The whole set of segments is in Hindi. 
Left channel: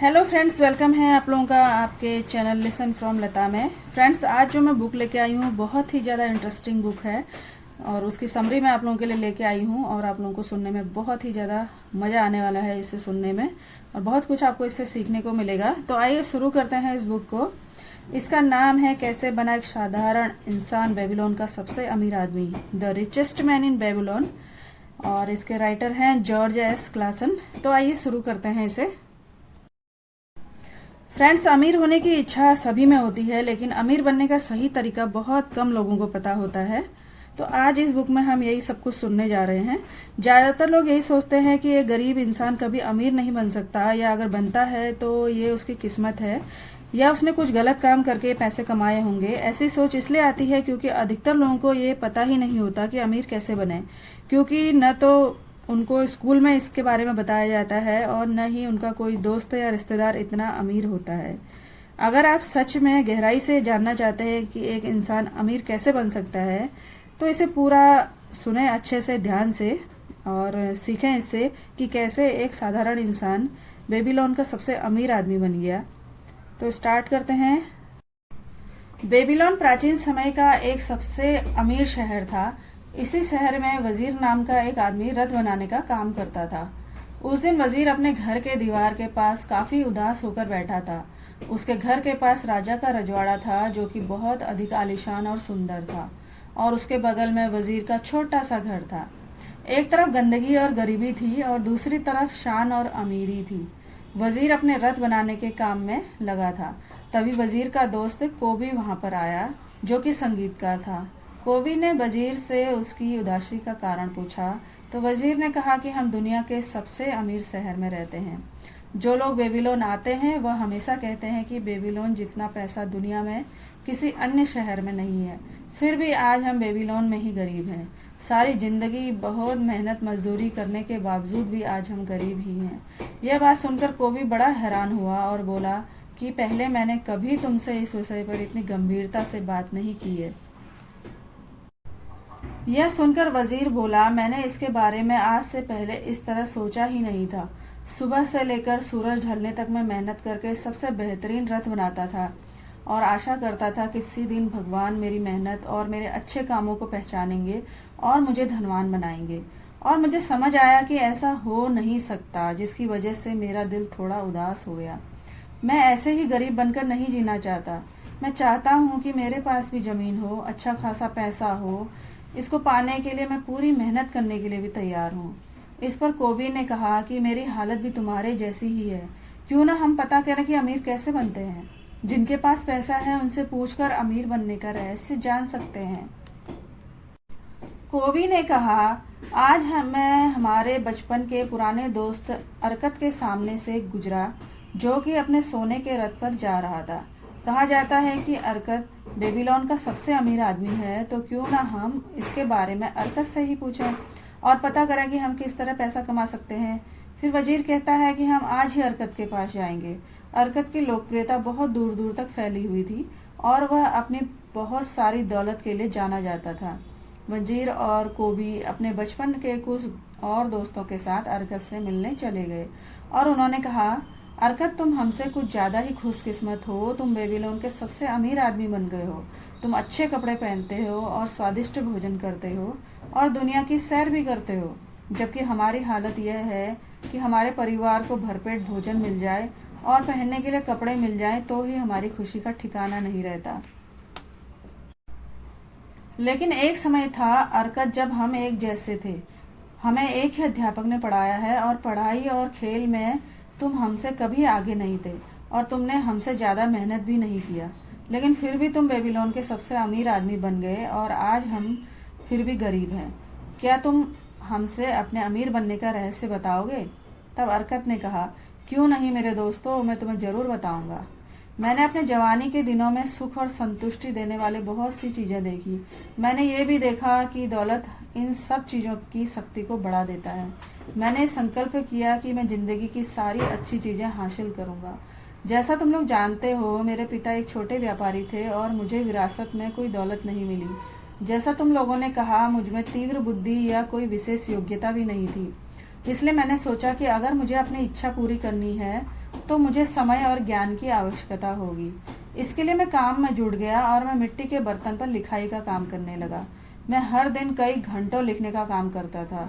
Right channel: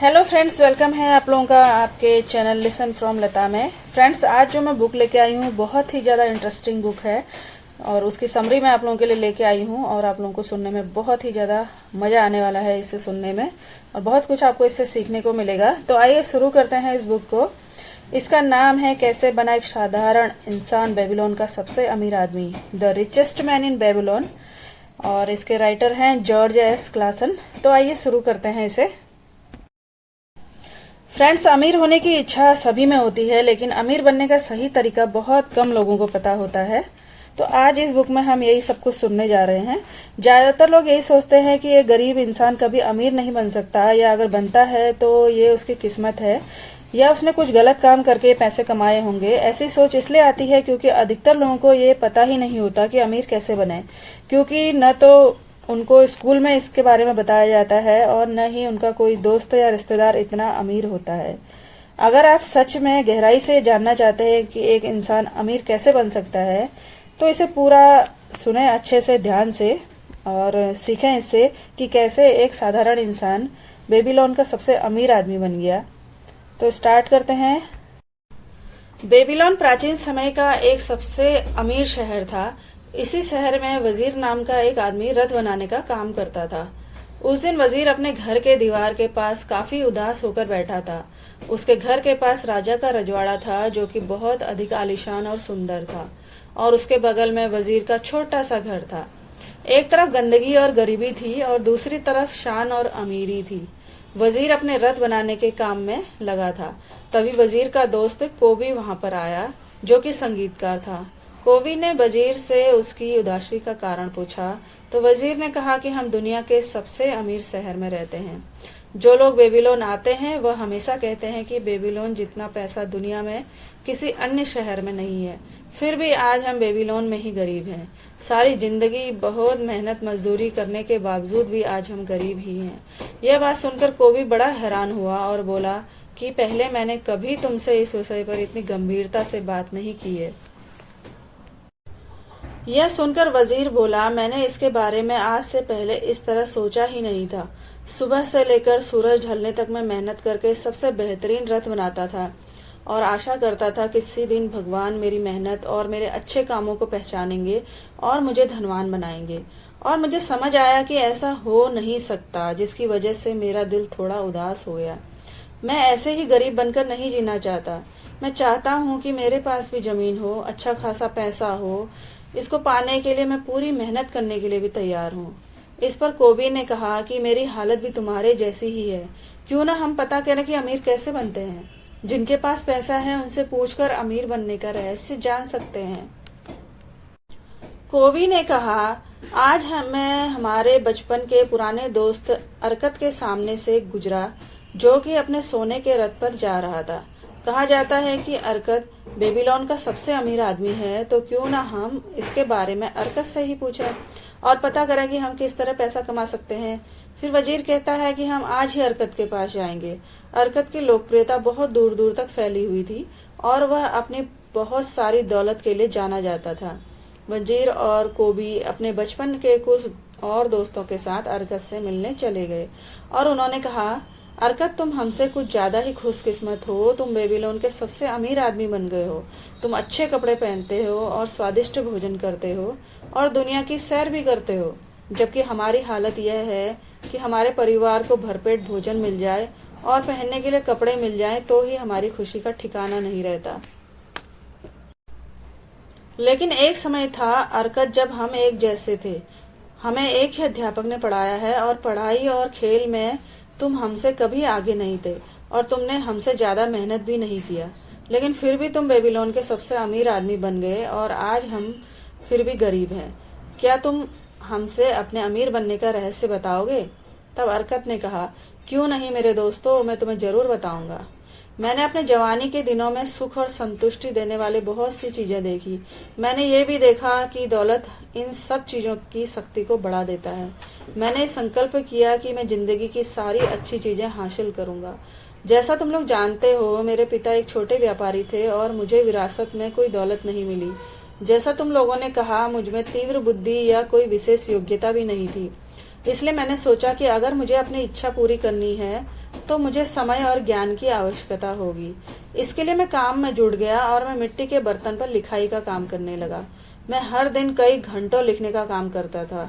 हेलो फ्रेंड्स, वेलकम है आप लोगों का आपके चैनल लिसन फ्रॉम लता में। फ्रेंड्स, आज जो मैं बुक लेके आई हूँ बहुत ही ज़्यादा इंटरेस्टिंग बुक है और उसकी समरी मैं आप लोगों के लिए लेके आई हूँ और आप लोगों को सुनने में बहुत ही ज़्यादा मज़ा आने वाला है इसे सुनने में और बहुत कुछ आपको इससे सीखने को मिलेगा। तो आइए शुरू करते हैं इस बुक को। इसका नाम है कैसे बना एक साधारण इंसान बेबीलोन का सबसे अमीर आदमी, the richest man in Babylon, और इसके राइटर हैं जॉर्ज एस क्लासन। तो आइए शुरू करते हैं इसे। फ्रेंड्स, अमीर होने की इच्छा सभी में होती है, लेकिन अमीर बनने का सही तरीका बहुत कम लोगों को पता होता है। तो आज इस बुक में हम यही सब कुछ सुनने जा रहे हैं। ज्यादातर लोग यही सोचते हैं कि एक गरीब इंसान कभी अमीर नहीं बन सकता, या अगर बनता है तो ये उसकी किस्मत है या उसने कुछ गलत काम करके पैसे कमाए होंगे। ऐसी सोच इसलिए आती है क्योंकि अधिकतर लोगों को ये पता ही नहीं होता कि अमीर कैसे बने, क्योंकि न तो उनको स्कूल में इसके बारे में बताया जाता है और न ही उनका कोई दोस्त या रिश्तेदार इतना अमीर होता है। अगर आप सच में गहराई से जानना चाहते हैं कि एक इंसान अमीर कैसे बन सकता है तो इसे पूरा सुने अच्छे से, ध्यान से, और सीखें इससे कि कैसे एक साधारण इंसान बेबीलोन का सबसे अमीर आदमी बन गया। तो स्टार्ट करते हैं। बेबीलोन प्राचीन समय का एक सबसे अमीर शहर था। इसी शहर में वजीर नाम का एक आदमी रथ बनाने का काम करता था। उस दिन वजीर अपने घर के दीवार के पास काफी उदास होकर बैठा था। उसके घर के पास राजा का रजवाड़ा था जो कि बहुत अधिक आलीशान और सुंदर था, और उसके बगल में वजीर का छोटा सा घर था। एक तरफ गंदगी और गरीबी थी और दूसरी तरफ शान और अमीरी थी। वजीर अपने रथ बनाने के काम में लगा था। तभी वजीर का दोस्त कोबी वहां पर आया, जो कि संगीतकार था। कोबी ने वजीर से उसकी उदासी का कारण पूछा तो वजीर ने कहा कि हम दुनिया के सबसे अमीर शहर में रहते हैं। जो लोग बेबीलोन आते हैं वह हमेशा कहते हैं कि बेबीलोन जितना पैसा दुनिया में किसी अन्य शहर में नहीं है। फिर भी आज हम बेबीलोन में ही गरीब हैं। सारी जिंदगी बहुत मेहनत मजदूरी करने के बावजूद भी आज हम गरीब ही हैं। यह बात सुनकर कोबी बड़ा हैरान हुआ और बोला कि पहले मैंने कभी तुमसे इस विषय पर इतनी गंभीरता से बात नहीं की है। यह सुनकर वजीर बोला, मैंने इसके बारे में आज से पहले इस तरह सोचा ही नहीं था। सुबह से लेकर सूरज ढलने तक मैं मेहनत करके सबसे बेहतरीन रथ बनाता था और आशा करता था किसी दिन भगवान मेरी मेहनत और मेरे अच्छे कामों को पहचानेंगे और मुझे धनवान बनाएंगे। और मुझे समझ आया कि ऐसा हो नहीं सकता, जिसकी वजह से मेरा दिल थोड़ा उदास हो गया। मैं ऐसे ही गरीब बनकर नहीं जीना चाहता। मैं चाहता हूँ कि मेरे पास भी जमीन हो, अच्छा खासा पैसा हो। इसको पाने के लिए मैं पूरी मेहनत करने के लिए भी तैयार हूँ। इस पर कोबी ने कहा कि मेरी हालत भी तुम्हारे जैसी ही है। क्यों ना हम पता करें कि अमीर कैसे बनते हैं। जिनके पास पैसा है उनसे पूछकर अमीर बनने का रहस्य जान सकते हैं। कोबी ने कहा, आज मैं हमारे बचपन के पुराने दोस्त अरकत के सामने से गुजरा, जो कि अपने सोने के रथ पर जा रहा था। कहा जाता है कि अरकत बेबीलोन का सबसे अमीर आदमी है, तो क्यों ना हम इसके बारे में अरकत से ही पूछें और पता करें कि हम किस तरह पैसा कमा सकते हैं। फिर वजीर कहता है कि हम आज ही अरकत के पास जाएंगे। अरकत की लोकप्रियता बहुत दूर दूर तक फैली हुई थी और वह अपनी बहुत सारी दौलत के लिए जाना जाता था। वजीर और कोबी अपने बचपन के कुछ और दोस्तों के साथ अरकत से मिलने चले गए और उन्होंने कहा, अरकत, तुम हमसे कुछ ज्यादा ही खुशकिस्मत हो। तुम बेबीलोन के सबसे अमीर आदमी बन गए हो। तुम अच्छे कपड़े पहनते हो और स्वादिष्ट भोजन करते हो और दुनिया की सैर भी करते हो, जबकि हमारी हालत यह है कि हमारे परिवार को भरपेट भोजन मिल जाए और पहनने के लिए कपड़े मिल जाए तो ही हमारी खुशी का ठिकाना नहीं रहता। लेकिन एक समय था अरकत, जब हम एक जैसे थे। हमें एक ही अध्यापक ने पढ़ाया है और पढ़ाई और खेल में तुम हमसे कभी आगे नहीं थे और तुमने हमसे ज्यादा मेहनत भी नहीं किया, लेकिन फिर भी तुम बेबीलोन के सबसे अमीर आदमी बन गए और आज हम फिर भी गरीब हैं। क्या तुम हमसे अपने अमीर बनने का रहस्य बताओगे? तब अरकत ने कहा, क्यों नहीं मेरे दोस्तों, मैं तुम्हें जरूर बताऊंगा। मैंने अपने जवानी के दिनों में सुख और संतुष्टि देने वाले बहुत सी चीजें देखी। मैंने ये भी देखा कि दौलत इन सब चीजों की शक्ति को बढ़ा देता है। मैंने संकल्प किया कि मैं जिंदगी की सारी अच्छी चीजें हासिल करूंगा। जैसा तुम लोग जानते हो, मेरे पिता एक छोटे व्यापारी थे और मुझे विरासत में कोई दौलत नहीं मिली। जैसा तुम लोगों ने कहा, मुझमें तीव्र बुद्धि या कोई विशेष योग्यता भी नहीं थी। इसलिए मैंने सोचा कि अगर मुझे अपनी इच्छा पूरी करनी है तो मुझे समय और ज्ञान की आवश्यकता होगी। इसके लिए मैं काम में जुट गया और मैं मिट्टी के बर्तन पर लिखाई का काम करने लगा। मैं हर दिन कई घंटों लिखने का काम करता था।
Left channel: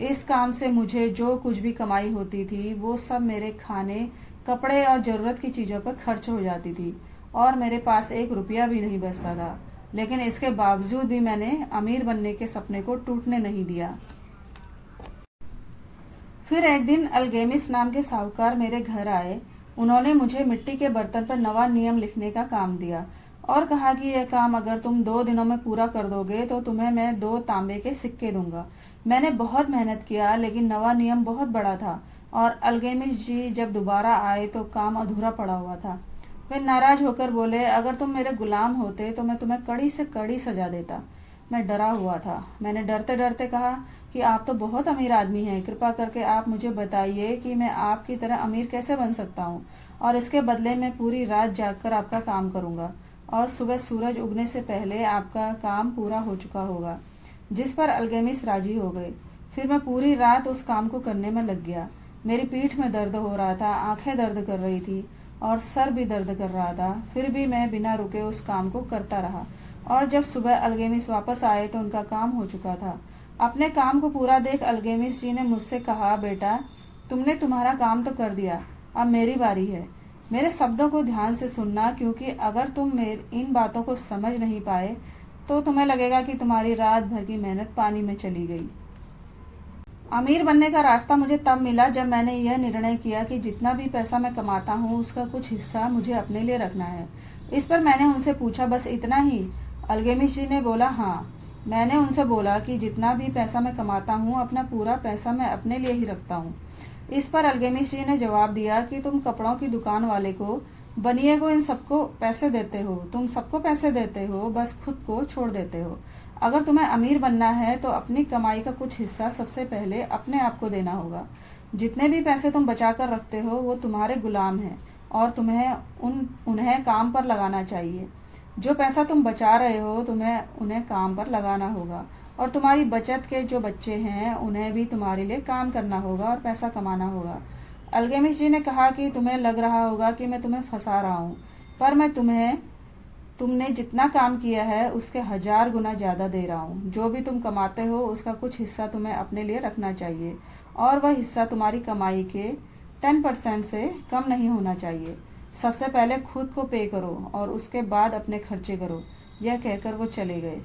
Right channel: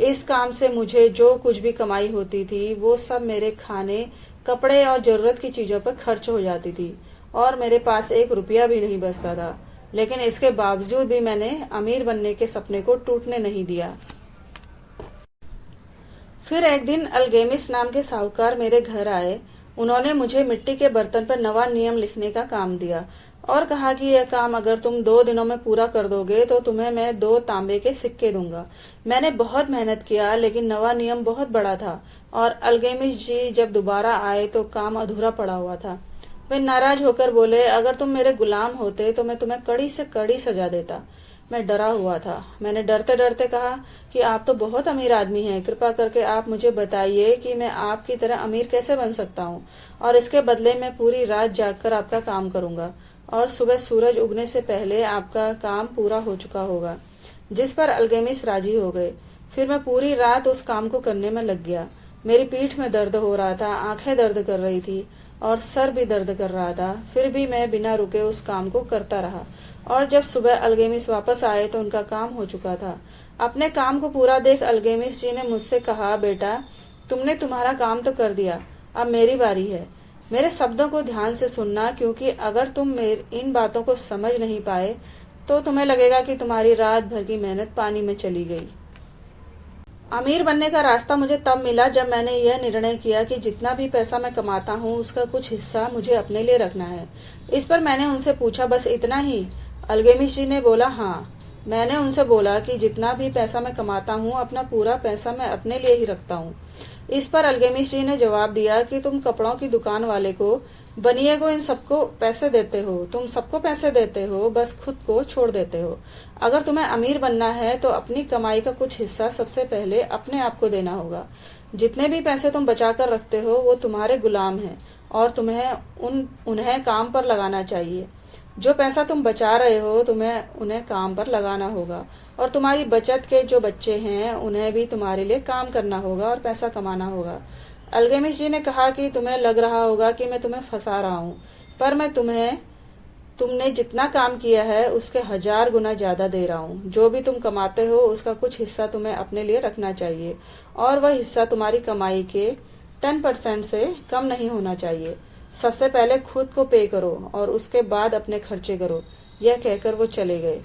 इस काम से मुझे जो कुछ भी कमाई होती थी वो सब मेरे खाने, कपड़े और जरूरत की चीजों पर खर्च हो जाती थी और मेरे पास एक रुपया भी नहीं बचता था। लेकिन इसके बावजूद भी मैंने अमीर बनने के सपने को टूटने नहीं दिया। फिर एक दिन अल्गेमिस नाम के साहूकार मेरे घर आए। उन्होंने मुझे मिट्टी के बर्तन पर नवा नियम लिखने का काम दिया और कहा कि यह काम अगर तुम 2 दिनों में पूरा कर दोगे तो तुम्हें मैं 2 तांबे के सिक्के दूंगा। मैंने बहुत मेहनत किया, लेकिन नवा नियम बहुत बड़ा था और अल्गेमिस जी जब दोबारा आए तो काम अधूरा पड़ा हुआ था। वे नाराज होकर बोले, अगर तुम मेरे गुलाम होते तो मैं तुम्हें कड़ी से कड़ी सजा देता। मैं डरा हुआ था। मैंने डरते डरते कहा कि आप तो बहुत अमीर आदमी हैं, कृपा करके आप मुझे बताइए कि मैं आपकी तरह अमीर कैसे बन सकता हूँ, और इसके बदले मैं पूरी रात जागकर आपका काम करूंगा और सुबह सूरज उगने से पहले आपका काम पूरा हो चुका होगा। जिस पर अल्गेमिस राजी हो गए। फिर मैं पूरी रात उस काम को करने में लग गया। मेरी पीठ में दर्द हो रहा था, आंखें दर्द कर रही थी और सर भी दर्द कर रहा था। फिर भी मैं बिना रुके उस काम को करता रहा और जब सुबह अल्गेमिस वापस आए तो उनका काम हो चुका था। अपने काम को पूरा देख अल्गेमिस जी ने मुझसे कहा, बेटा तुमने तुम्हारा काम तो कर दिया, अब मेरी बारी है। मेरे शब्दों को ध्यान से सुनना, क्योंकि अगर तुम इन बातों को समझ नहीं पाए तो तुम्हें लगेगा कि तुम्हारी रात भर की मेहनत पानी में चली गई। अमीर बनने का रास्ता मुझे तब मिला जब मैंने यह निर्णय किया कि जितना भी पैसा मैं कमाता हूँ उसका कुछ हिस्सा मुझे अपने लिए रखना है। इस पर मैंने उनसे पूछा, बस इतना ही? अल्गेमिस जी ने बोला, हाँ। मैंने उनसे बोला कि जितना भी पैसा मैं कमाता हूँ अपना पूरा पैसा मैं अपने लिए ही रखता हूँ। इस पर अल्गेमिस जी ने जवाब दिया कि तुम कपड़ों की दुकान वाले को, बनिए को, इन सबको पैसे देते हो, तुम सबको पैसे देते हो, बस खुद को छोड़ देते हो। अगर तुम्हें अमीर बनना है तो अपनी कमाई का कुछ हिस्सा सबसे पहले अपने आप को देना होगा। जितने भी पैसे तुम बचा कर रखते हो वो तुम्हारे गुलाम हैं और तुम्हें उन्हें काम पर लगाना चाहिए। जो पैसा तुम बचा रहे हो तुम्हें उन्हें काम पर लगाना होगा, और तुम्हारी बचत के जो बच्चे हैं उन्हें भी तुम्हारे लिए काम करना होगा और पैसा कमाना होगा। अल्गेमिस जी ने कहा कि तुम्हें लग रहा होगा कि मैं तुम्हें फंसा रहा हूँ, पर मैं तुमने जितना काम किया है उसके 1000 गुना ज्यादा दे रहा हूँ। जो भी तुम कमाते हो उसका कुछ हिस्सा तुम्हें अपने लिए रखना चाहिए और वह हिस्सा तुम्हारी कमाई के 10% से कम नहीं होना चाहिए। सबसे पहले खुद को पे करो और उसके बाद अपने खर्चे करो। यह कहकर वो चले गए।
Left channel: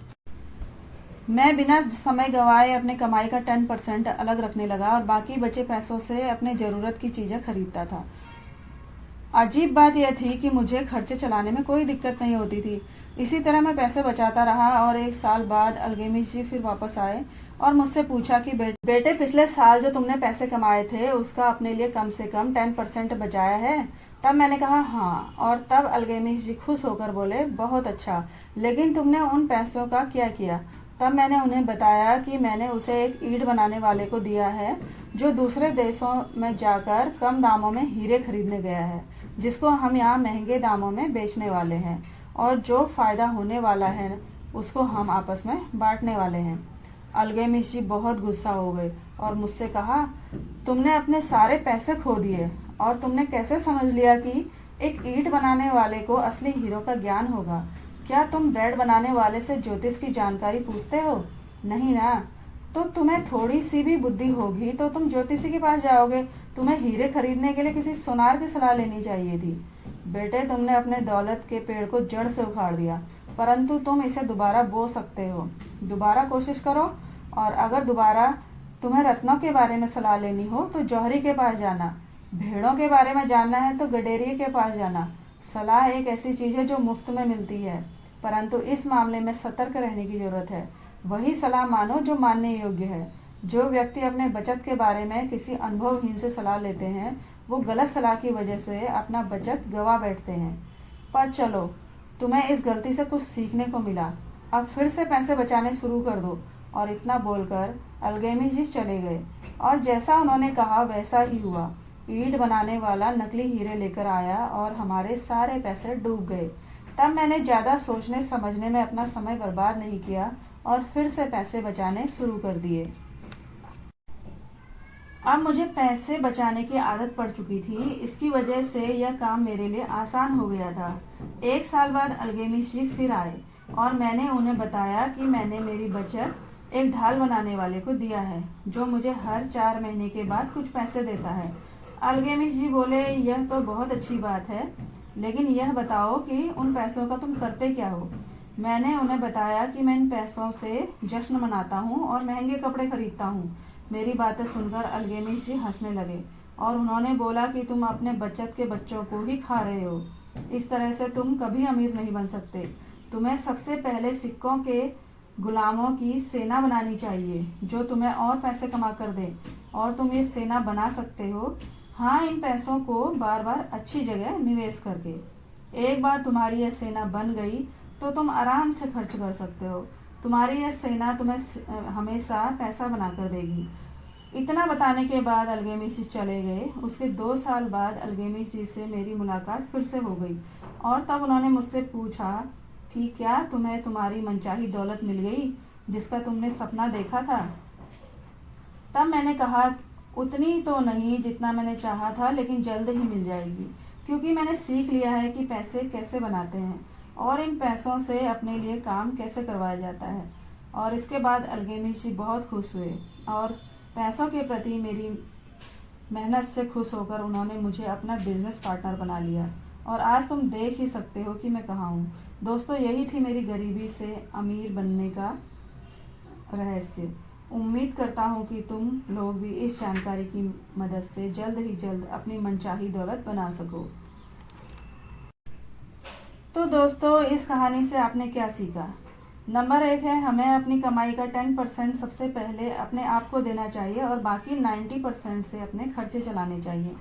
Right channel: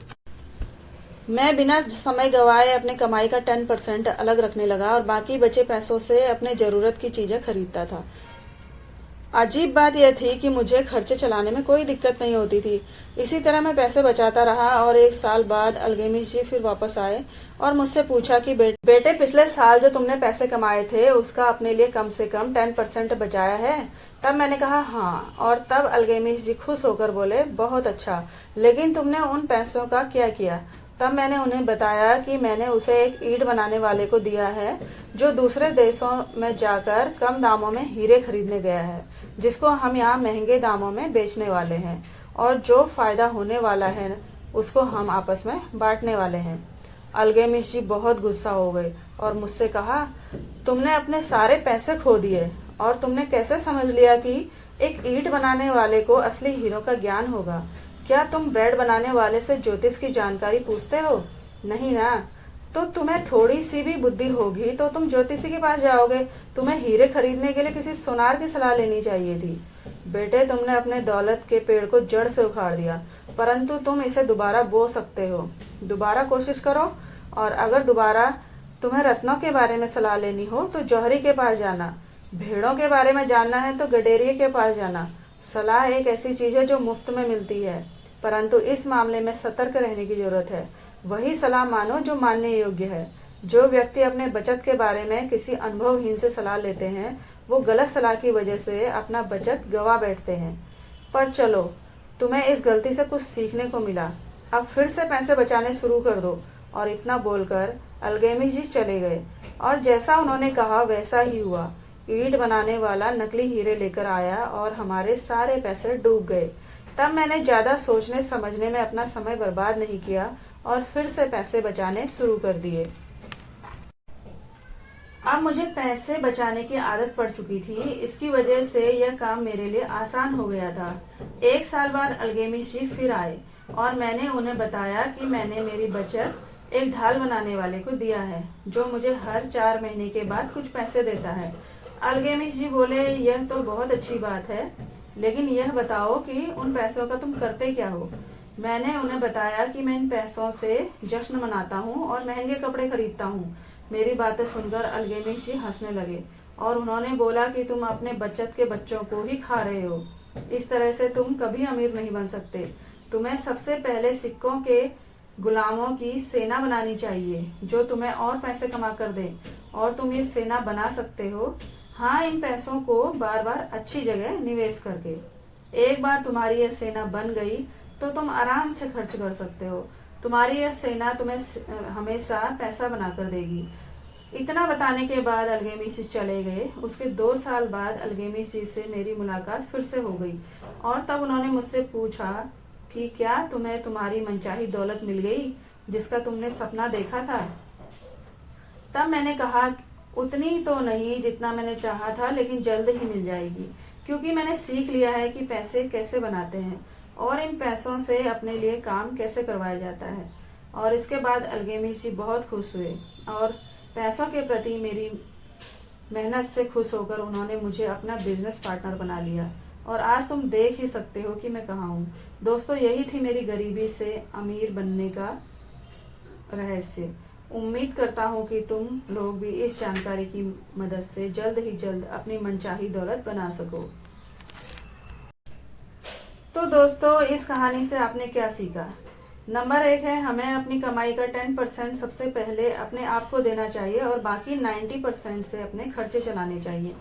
मैं बिना समय गवाए अपने कमाई का 10% अलग रखने लगा और बाकी बचे पैसों से अपने जरूरत की चीजें खरीदता था। अजीब बात यह थी कि मुझे खर्चे चलाने में कोई दिक्कत नहीं होती थी। इसी तरह मैं पैसे बचाता रहा और 1 साल बाद अल्गेमिस जी फिर वापस आए और मुझसे पूछा कि बेटे पिछले साल जो तुमने पैसे कमाए थे उसका अपने लिए कम से कम 10% बचाया है? तब मैंने कहा हाँ, और तब अल्गेमिस जी खुश होकर बोले, बहुत अच्छा, लेकिन तुमने उन पैसों का क्या किया? तब मैंने उन्हें बताया कि मैंने उसे एक ईंट बनाने वाले को दिया है जो दूसरे देशों में जाकर कम दामों में हीरे खरीदने गया है, जिसको हम यहाँ महंगे दामों में बेचने वाले हैं, और जो फायदा होने वाला है उसको हम आपस में बांटने वाले हैं। अल्गेमिस जी बहुत गुस्सा हो गए और मुझसे कहा, तुमने अपने सारे पैसे खो दिए और तुमने कैसे समझ लिया कि एक ईंट बनाने वाले को असली हीरो का ज्ञान होगा? क्या तुम ब्रेड बनाने वाले से ज्योतिष की जानकारी पूछते हो? नहीं ना। तो तुम्हें थोड़ी सी भी बुद्धि होगी तो तुम ज्योतिषी के पास जाओगे। तुम्हें हीरे खरीदने के लिए किसी सुनार की सलाह लेनी चाहिए थी। बेटे, तुमने अपने दौलत के पेड़ को जड़ से उखाड़ दिया, परंतु तुम इसे दोबारा बो सकते हो। दोबारा कोशिश करो, और अगर दोबारा तुम्हें रत्नों के बारे में सलाह लेनी हो तो जौहरी के पास जाना। भेड़ों के बारे में जानना है तो गडेरिये के पास जाना। सलाह एक ऐसी चीज है जो मुफ्त में मिलती है, परंतु इस मामले में सतर्क रहने की जरूरत है। वही सलाह मानो जो मानने योग्य है। जो व्यक्ति अपने बचत के बारे में किसी अनुभवहीन से सलाह लेते हैं वो गलत सलाह की वजह से अपना बचत गवा बैठते हैं। पर चलो, तुम्हें इस गलती से कुछ सीखने को मिला। अब फिर से पैसे बचाने शुरू कर दो। और इतना बोलकर अल्गेमिस जी चले गए और जैसा उन्होंने कहा वैसा ही हुआ। ईंट बनाने वाला नकली हीरे लेकर आया और हमारे सारे पैसे डूब गए। तब मैंने ज्यादा सोचने समझने में अपना समय बर्बाद नहीं किया और फिर से पैसे बचाने शुरू कर दिए। अब मुझे पैसे बचाने की आदत पड़ चुकी थी। इसकी वजह से यह काम मेरे लिए आसान हो गया था। 1 साल बाद अलगेमिश जी फिर आए और मैंने उन्हें बताया कि मैंने मेरी बचत एक ढाल बनाने वाले को दिया है, जो मुझे हर 4 महीने के बाद कुछ पैसे देता है। अलगेमिश जी बोले, यह तो बहुत अच्छी बात है, लेकिन यह बताओ कि उन पैसों का तुम करते क्या हो। मैंने उन्हें बताया कि मैं इन पैसों से जश्न मनाता हूँ और महंगे कपड़े खरीदता हूँ। मेरी बातें सुनकर अलगेमिश जी हंसने लगे और उन्होंने बोला कि तुम अपने बचत के बच्चों को ही खा रहे हो। इस तरह से तुम कभी अमीर नहीं बन सकते। तुम्हें सबसे पहले सिक्कों के गुलामों की सेना बनानी चाहिए, जो तुम्हें और पैसे कमा कर दे, और तुम ये सेना बना सकते हो। हाँ, इन पैसों को बार बार अच्छी जगह निवेश करके। एक बार तुम्हारी यह सेना बन गई तो तुम आराम से खर्च कर सकते हो। तुम्हारी यह सेना तुम्हें हमेशा पैसा बनाकर देगी। इतना बताने के बाद अलगेमिश जी चले गए। उसके 2 साल बाद अलगेमिश जी से मेरी मुलाकात फिर से हो गई और तब उन्होंने मुझसे पूछा कि क्या तुम्हें तुम्हारी मनचाही दौलत मिल गई जिसका तुमने सपना देखा था। तब मैंने कहा, उतनी तो नहीं जितना मैंने चाहा था, लेकिन जल्द ही मिल जाएगी, क्योंकि मैंने सीख लिया है कि पैसे कैसे बनाते हैं और इन पैसों से अपने लिए काम कैसे करवाया जाता है। और इसके बाद अलगेमिश जी बहुत खुश हुए और पैसों के प्रति मेरी मेहनत से खुश होकर उन्होंने मुझे अपना बिजनेस पार्टनर बना लिया। और आज तुम देख ही सकते हो कि मैं कहाँ हूँ। दोस्तों, यही थी मेरी गरीबी से अमीर बनने का रहस्य। उम्मीद करता हूँ कि तुम लोग भी इस जानकारी की मदद से जल्द ही जल्द अपनी मनचाही दौलत बना सको। तो दोस्तों, इस कहानी से आपने क्या सीखा? नंबर 1 है, हमें अपनी कमाई का 10% सबसे पहले अपने आप को देना चाहिए और बाकी 90% से अपने खर्चे चलाने चाहिए।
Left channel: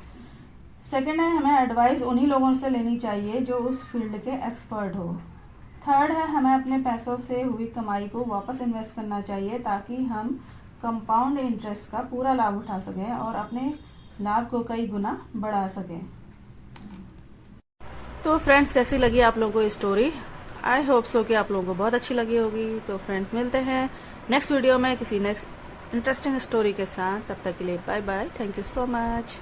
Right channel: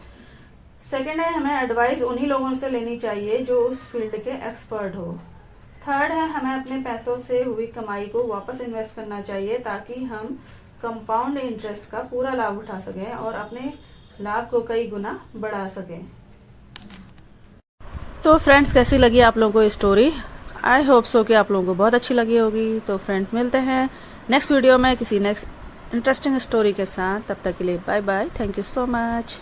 सेकंड है, हमें एडवाइस उन्हीं लोगों से लेनी चाहिए जो उस फील्ड के एक्सपर्ट हो। थर्ड है, हमें अपने पैसों से हुई कमाई को वापस इन्वेस्ट करना चाहिए ताकि हम कंपाउंड इंटरेस्ट का पूरा लाभ उठा सकें और अपने लाभ को कई गुना बढ़ा सकें। तो फ्रेंड्स, कैसी लगी आप लोगों को स्टोरी? आई होप सो कि आप लोगों को बहुत अच्छी लगी होगी। तो फ्रेंड्स, मिलते हैं नेक्स्ट वीडियो में किसी नेक्स्ट इंटरेस्टिंग स्टोरी के साथ। तब तक के लिए bye bye. Thank you so much.